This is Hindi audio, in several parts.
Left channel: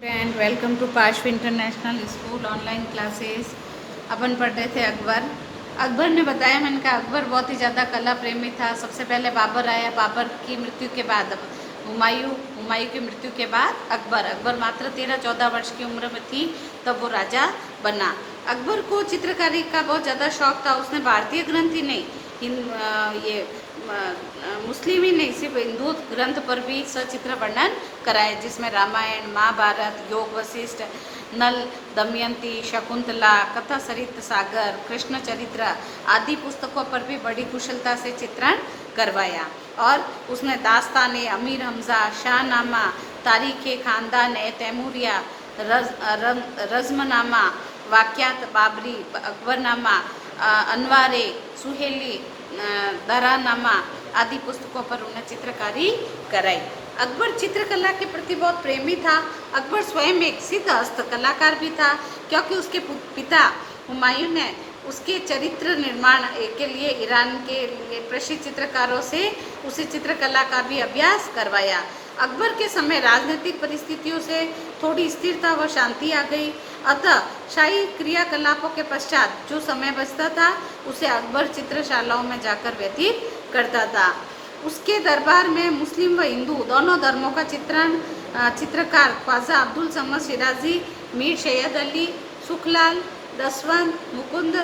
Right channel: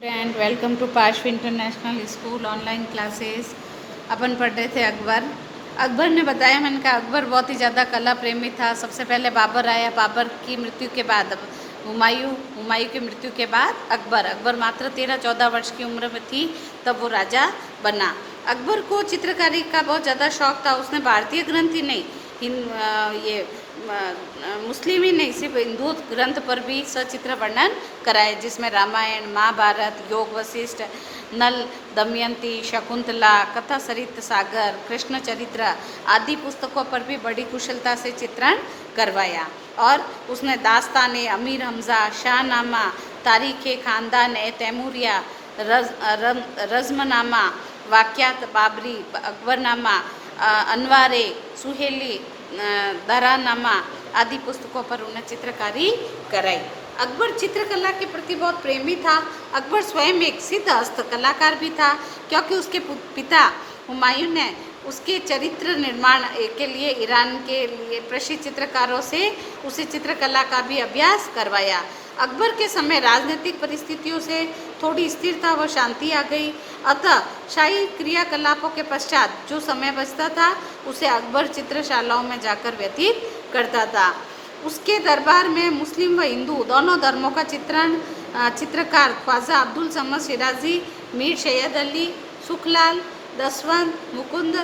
एंड वेलकम टू पार्श्व इंटरनेशनल स्कूल ऑनलाइन क्लासेस। अपन पढ़ रहे थे अकबर ने बताया, मैंने कहा अकबर बहुत ही ज़्यादा कला प्रेमी था। सबसे पहले बाबर आया, बाबर की मृत्यु के बाद हुमायूं की मृत्यु के बाद अकबर मात्र 13-14 वर्ष की उम्र में थी तब वो राजा बना। अकबर को चित्रकारी का बहुत ज़्यादा शौक था। उसने भारतीय ग्रंथ ही नहीं, मुस्लिम ही नहीं, सिर्फ हिंदू ग्रंथ पर भी सचित्र वर्णन कराए, जिसमें रामायण, महाभारत, योग वशिष्ठ, नल, दमयंती, शकुंतला, कथा सरित सागर, कृष्ण चरित्र आदि पुस्तकों पर भी बड़ी कुशलता से चित्रण करवाया। और उसने दास्तान अमीर हमजा, शाहनामा, तारीख खानदान तैमूरिया, रज़मनामा, वाक़यात बाबरी, अकबरनामा, अनवारे सुहेली, दरानामा आदि पुस्तकों पर उन्हें चित्रकारी कराई। अकबर चित्रकला के प्रति बहुत प्रेमी था। अकबर स्वयं एक सिद्ध हस्त कलाकार भी था, क्योंकि उसके पिता हुमायूं ने उसके चरित्र निर्माण के लिए ईरान के लिए प्रसिद्ध चित्रकारों से उसे चित्रकला का भी अभ्यास करवाया। अकबर के समय राजनीतिक परिस्थितियों से थोड़ी स्थिरता व शांति आ गई, अतः शाही क्रियाकलापों के पश्चात जो समय बचता था उसे अकबर चित्रशालाओं में जाकर व्यतीत करता था। उसके दरबार में मुस्लिम व हिंदू दोनों धर्मों का चित्रकार ख्वाजा अब्दुल समद शिराजी, मीर सैयद अली, सुखलाल, दसवंत, मुकुंद,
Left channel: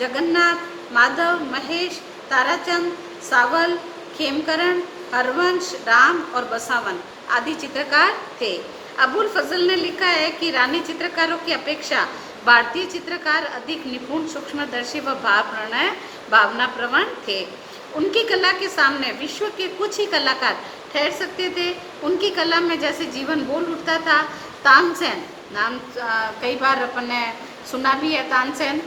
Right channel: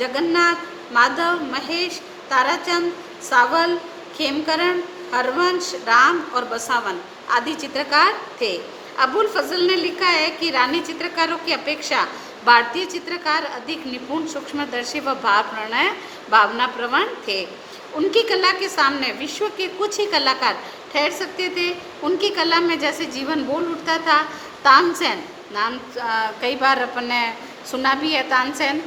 जगन्नाथ, माधव, महेश, ताराचंद, सावल, खेमकरण, हरवंश, राम और बसावन आदि चित्रकार थे। अबुल फजल ने लिखा है कि रानी चित्रकारों की अपेक्षा भारतीय चित्रकार अधिक निपुण, सूक्ष्मदर्शी व भावनाप्रवण थे। उनकी कला के सामने विश्व के कुछ ही कलाकार ठहर सकते थे। उनकी कला में जैसे जीवन बोल उठता था। तानसेन नाम कई बार अपन ने सुना भी है। तानसेन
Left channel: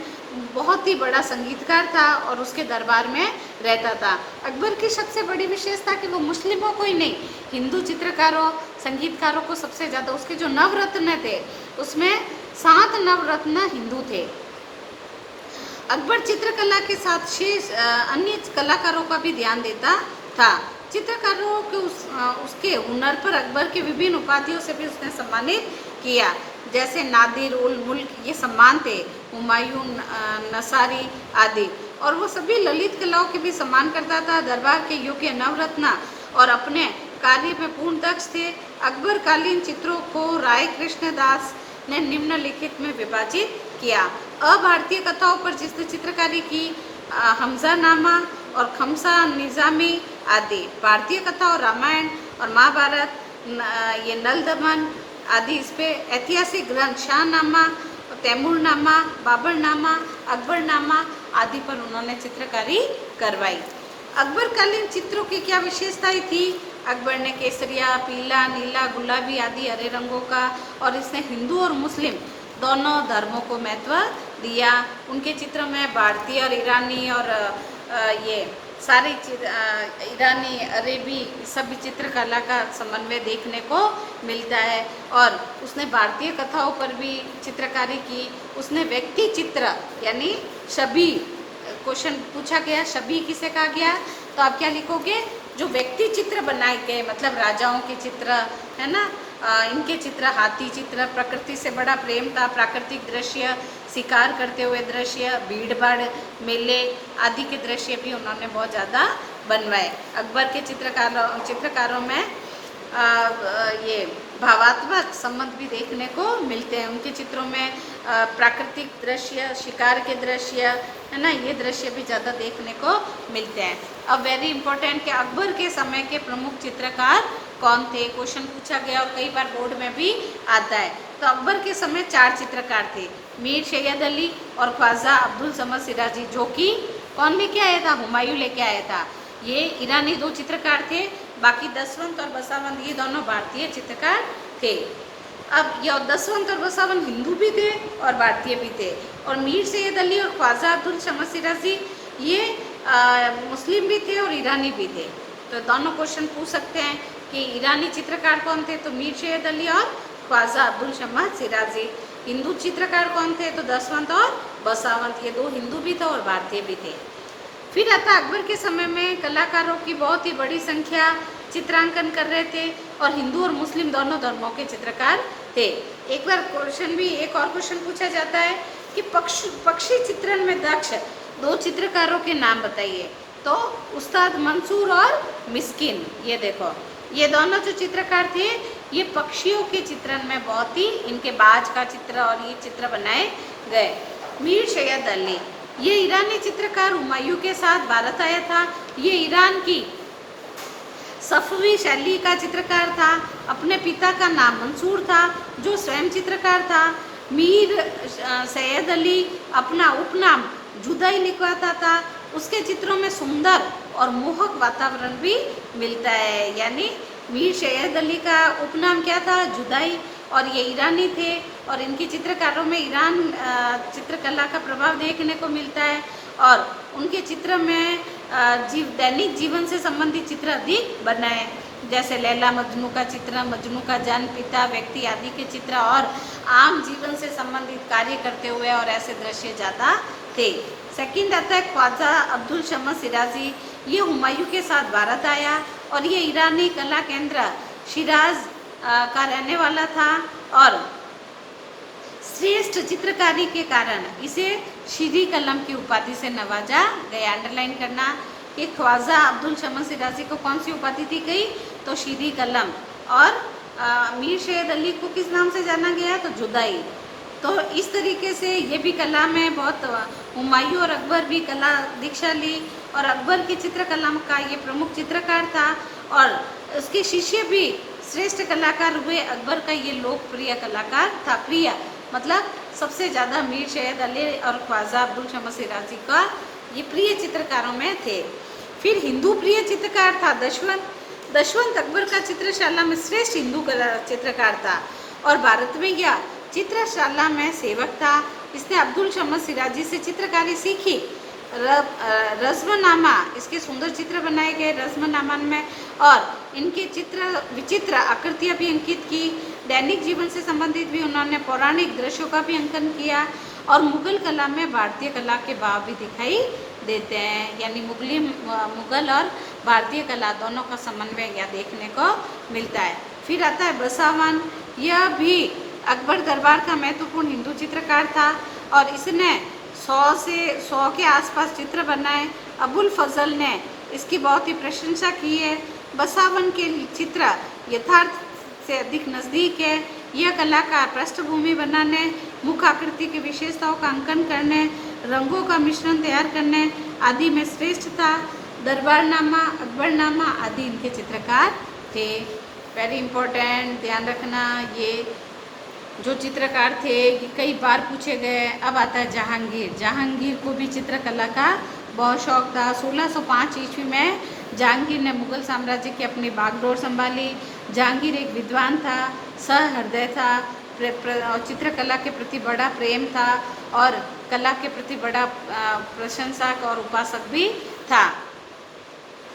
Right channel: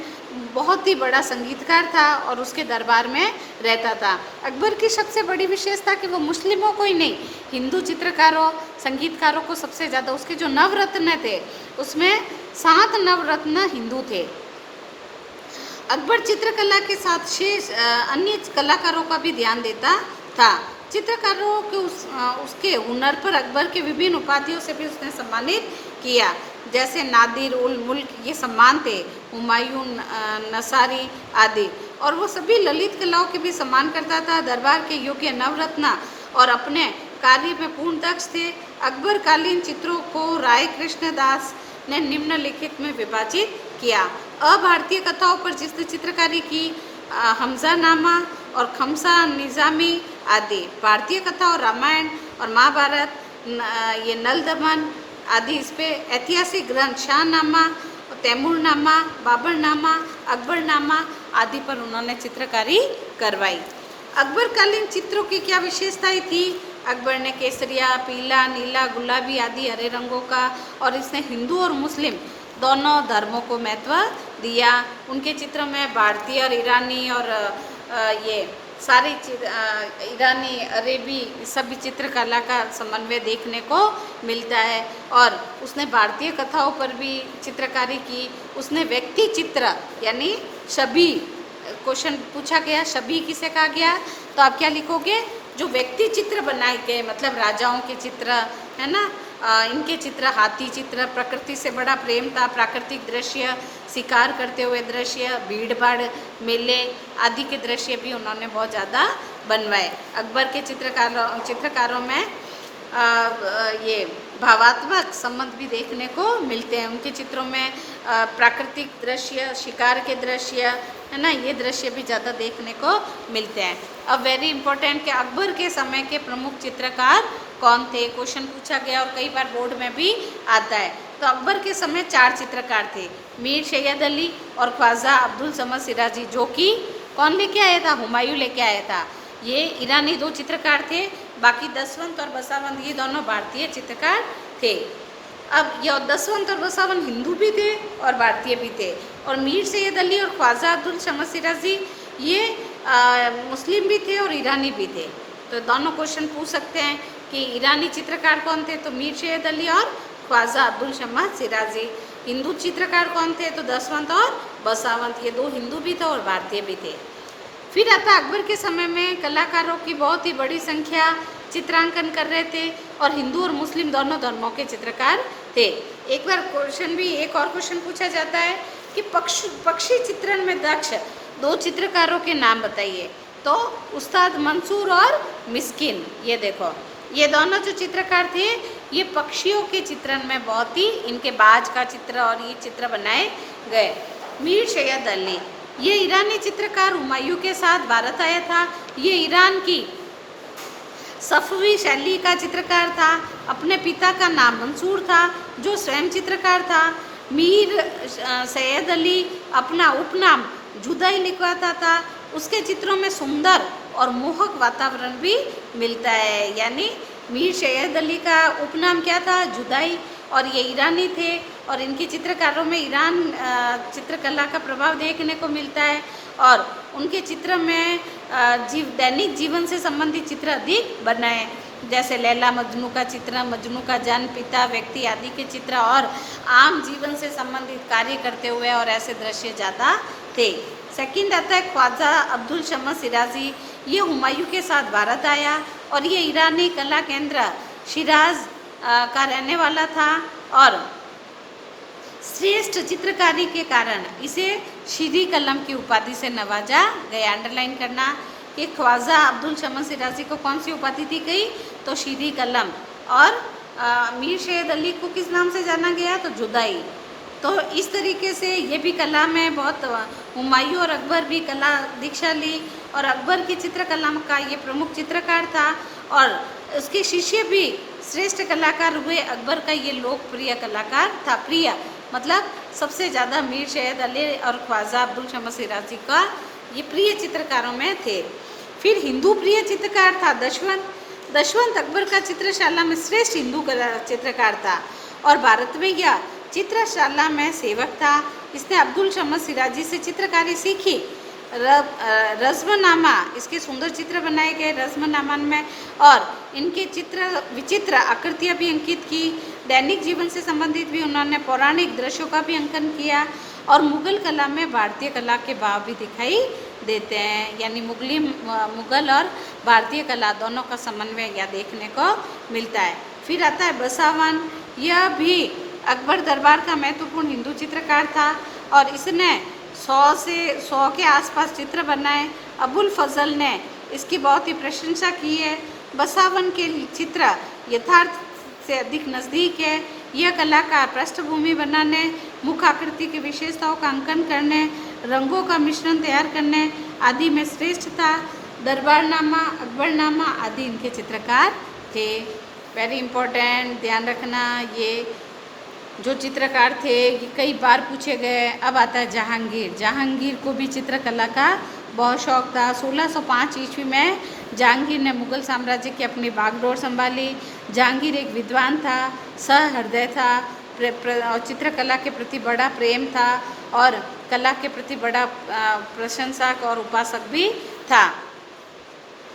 बहुत ही बड़ा संगीतकार था और उसके दरबार में रहता था। अकबर की सबसे बड़ी विशेषता कि वो मुस्लिमों को ही नहीं, हिंदू चित्रकारों, संगीतकारों को सबसे ज़्यादा, उसके जो नवरत्न थे उसमें 7 नवरत्न हिंदू थे। अकबर चित्रकला के साथ शेष अन्य कलाकारों का भी ध्यान देता था। चित्रकारों के उसके हुनर पर अकबर के विभिन्न उपाधियों से भी उसने सम्मानित किया, जैसे नादिर उल मुल्क ये सम्मान थे, हुमायूं, नसारी आदि। और वो सभी ललित कलाओं के भी सम्मान करता था। दरबार के योग्य नवरत्न और अपने कार्य में पूर्ण दक्ष थे। अकबर कालीन चित्रों को राय कृष्णदास ने निम्नलिखित में विभाजित किया। अभारतीय कथाओं पर जिसने चित्रकारी की, हमजानामा और खमसा निज़ामी आदि। भारतीय कथा और रामायण और महाभारत, ये नल दमन आदि इस पे ऐतिहासिक ग्रंथ, शाहनामा, तैमूरनामा, बाबरनामा, अकबरनामा आदि पर उन्होंने चित्रकारी करवाई। अकबरकालीन चित्रों की क्या विशेषताएं थी? अकबर ने केसरिया, पीला, नीला, गुलाबी आदि हरे रंगों का, और इसने हिंदू और मुस्लिम दोनों धर्मों को महत्व दिया। उनके चित्र में भारतीय और ईरानी और ये सारी ईरानी, अरेबी सभी चित्रकला का समन्वय देखने को मिलता है। और उसने भारतीय कथाओं पर भी चित्रकारी की। उसने व्यक्ति चित्र यानी छवि, क्वेश्चन पूछा गया छवि किसे कहा गया, तो आप क्या लिखोगे? जो व्यक्ति चित्र बनाए गए, मतलब राजाओं के चित्र है ना, इनके चित्र, हाथी चित्र, प्रकृति से बड़ा प्रेम था, प्राकृतिक दृश्य, शिकार करते हुए दृश्य, भीड़ भाड़, मेले आदि के दृश्य भी उन्होंने बहुत ज़्यादा बनवाए। अकबर के चित्रकारों में ये भावात्मक संबंध भी देखने को मिलते हैं। उनके चित्रों में प्राकृतिक दृश्य, शिकार के दृश्य है ना, ये दृश्य भी ज़्यादा देखने को मिलते हैं। अब वेरी इंपॉर्टेंट कि अकबर के समय के प्रमुख चित्रकार कौन थे, क्वेश्चन पूछा गया और कई बार बोर्ड में भी आता है। तो अकबर के समय 4 चित्रकार थे, मीर सैयद अली और ख्वाजा अब्दुल समद शिराजी, जो कि कौन लेके आया था? हुमायूं लेके आया था। ये ईरानी 2 चित्रकार थे, बाकी दसवंत और बसावन ये दोनों भारतीय चित्रकार थे। अब ये दसवंत और बसावन हिंदू भी थे और भारतीय भी थे। और मीर सैयद अली और ख्वाजा अब्दुल समद शिराजी ये मुस्लिम भी थे और ईरानी भी थे। तो दोनों क्वेश्चन पूछ सकते हैं कि ईरानी चित्रकार कौन थे, तो मीर सैयद अली और ख्वाजा अब्दुल समद शिराजी। हिंदू चित्रकार कौन थे, तो दसवंत और बसावंत, ये 2 हिंदू भी थे और भारतीय भी थे। फिर आता अकबर के समय में कलाकारों की बहुत ही बड़ी संख्या चित्रांकन कर रहे थे और हिंदू और मुस्लिम दोनों धर्मों के चित्रकार थे। एक बार क्वेश्चन भी, एक और क्वेश्चन पूछा जाता है कि पक्षी चित्रण में दक्ष 2 चित्रकारों के नाम बताइए। तो उस्ताद मंसूर और मिस्किन, ये देखो, ये दोनों जो चित्रकार थे ये पक्षियों के चित्रण में बहुत ही, इनके बाज का चित्र और ये चित्र बनाए गए। मीर सैयद अली, ये ईरानी चित्रकार हुमायूं के साथ भारत आया था। ये ईरान की सफवी शैली का चित्रकार था। अपने पिता का नाम मंसूर था जो स्वयं चित्रकार था। मीर सैयद अली अपना उपनाम जुदाई लिखवाता था। उसके चित्रों में सुंदर और मोहक वातावरण भी मिलता है। यानी मीर सैयद अली का उपनाम क्या था? जुदाई। और ये ईरानी थे और इनकी चित्रकारों में ईरान चित्रकला का प्रभाव देखने को मिलता है। और उनके चित्र में दैनिक जीवन से संबंधित चित्र अधिक बनाए, जैसे लैला मजनू का चित्र, मजनू का जन्म, पिता, व्यक्ति आदि के चित्र और आम जीवन से संबंधित कार्य करते हुए और ऐसे दृश्य ज़्यादा थे। सेकंड आता है ख्वाजा अब्दुल शमस शिराजी। ये हुमायूं के साथ भारत आया और ये ईरानी कला केंद्र शिराज का रहने वाला था और श्रेष्ठ चित्रकारी के कारण इसे शीरी कलम की उपाधि से नवाजा गया। अंडरलाइन करना कि ख्वाजा अब्दुल शमस शिराजी को कौन सी उपाधि दी गई? तो शीरी कलम। और मीर सैयद अली को किस नाम से जाना गया? तो जुदाई। तो इस तरीके से ये भी कला में बहुत, हुमायूं और अकबर भी कला दीक्षा ली और अकबर की चित्रकला का ये प्रमुख चित्रकार था और उसके शिष्य भी श्रेष्ठ कलाकार हुए। अकबर का ये लोकप्रिय कलाकार था। प्रिय मतलब सबसे ज़्यादा मीर सैयद अली और ख्वाजा अब्दुल शमस शिराजी का ये प्रिय चित्रकारों में थे। फिर हिंदू प्रिय चित्रकार था दशवंत। दशवंत अकबर का चित्रशाला में श्रेष्ठ हिंदू चित्रकार था और भारत में यह चित्रशाला में सेवक था। इसने अब्दुल शमस शिराजी से चित्रकारी सीखी। रज़्मनामा, इसके सुंदर चित्र बनाए गए रज़्मनामा में और इनके चित्र विचित्र आकृतियाँ भी अंकित की। दैनिक जीवन से संबंधित भी उन्होंने पौराणिक दृश्यों का भी अंकन किया और मुगल कला में भारतीय कला के भाव भी दिखाई देते हैं। यानी मुगल और भारतीय कला दोनों का समन्वय यह देखने को मिलता है। फिर आता है बसावन। यह भी अकबर दरबार का महत्वपूर्ण हिंदू चित्रकार था और इसने 100 के आसपास चित्र बनाए। अबुल फजल ने इसकी बहुत ही प्रशंसा की है। बसावन के चित्र यथार्थ से अधिक नज़दीक है। यह कलाकार पृष्ठभूमि बनाने, मुख आकृति की विशेषताओं का अंकन करने, रंगों का मिश्रण तैयार करने आदि में श्रेष्ठ था। दरबारनामा, अकबरनामा आदि इनके चित्रकार थे। वेरी इम्पोर्टेंट, ध्यान रखना, ये जो चित्रकार थे कई बार पूछे गए। अब आता है जहांगीर। जहांगीर को भी चित्रकला का बहुत शौक था। 1605 ईस्वी में जहांगीर ने मुगल साम्राज्य की अपनी बागडोर संभाली। जहांगीर एक विद्वान था, सहृदय था, चित्रकला के प्रति बड़ा प्रेम था और कला के प्रति बड़ा प्रशंसक और उपासक भी था।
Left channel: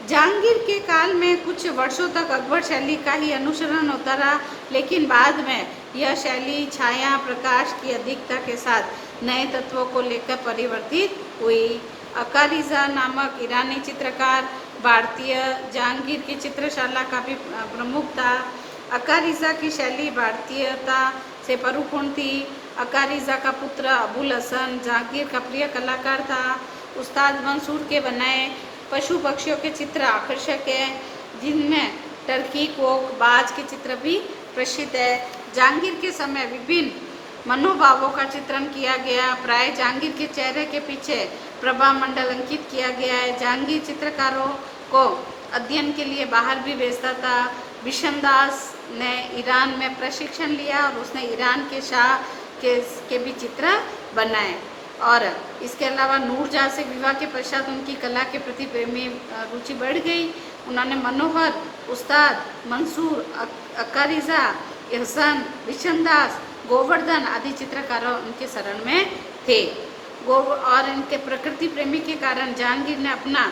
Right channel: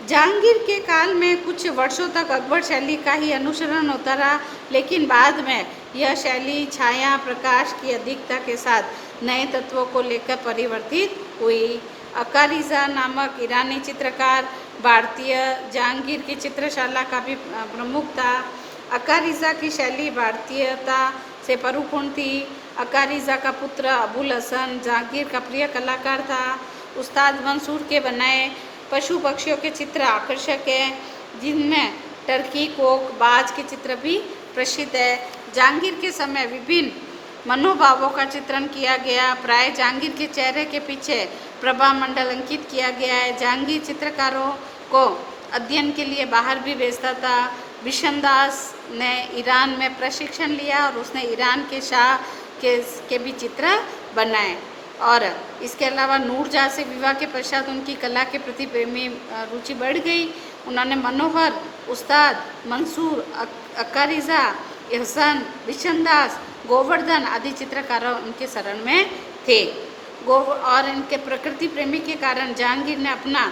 जहांगीर के काल में कुछ वर्षों तक अकबर शैली का ही अनुसरण होता रहा, लेकिन बाद में यह शैली छाया प्रकाश की अधिकता के साथ नए तत्वों को लेकर परिवर्तित हुई। अकारिजा नामक ईरानी चित्रकार भारतीय जहांगीर की चित्रशाला का भी प्रमुख था। अकारिजा की शैली भारतीयता से परिपूर्ण थी। अकारिजा का पुत्र अबुल हसन जहांगीर का प्रिय कलाकार था। उस्ताद मंसूर के बनाए पशु पक्षियों के चित्र आकर्षक हैं, जिनमें टर्की, कोक, बाज के चित्र भी प्रसिद्ध है। जहांगीर के समय विभिन्न मनोभावों का चित्रण किया गया। प्राय जहांगीर के चेहरे के पीछे प्रभा मंडल अंकित किया गया है। जहांगीर चित्रकारों को अध्ययन के लिए बाहर भी भेजता था। विशनदास ने ईरान में प्रशिक्षण लिया और उसने ईरान के शाह के भी चित्र बनाए। और इसके अलावा नूरजहाँ से विवाह के पश्चात उनकी कला के प्रति प्रेमी रुचि बढ़ गई। उन्होंने मनोहर, उस्ताद मंसूर, अकारिजा, एहसन, विशनदास, गोवर्धन आदि चित्रकारों उनके शरण में थे। और इनके प्रकृति प्रेमी के कारण जहांगीर ने अपना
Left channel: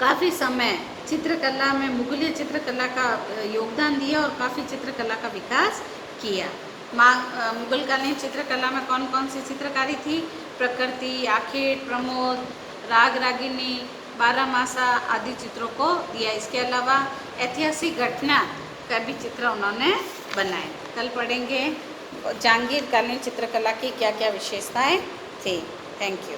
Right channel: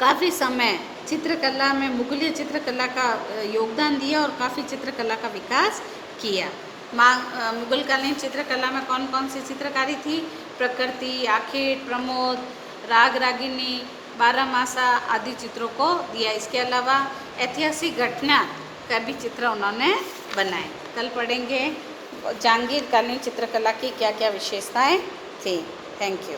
काफ़ी समय चित्रकला में मुगलीय चित्रकला का योगदान दिया और काफ़ी चित्रकला का विकास किया। मुगलकालीन चित्रकला में कौन कौन सी चित्रकारी थी? प्रकृति, आखेट, प्रमोद, राग रागिनी, बारहमासा आदि चित्रों को दिया। इसके अलावा ऐतिहासिक घटना का भी चित्र उन्होंने बनाए। कल पढ़ेंगे जहांगीर कालीन चित्रकला की क्या क्या विशेषताएं थी। Thank you.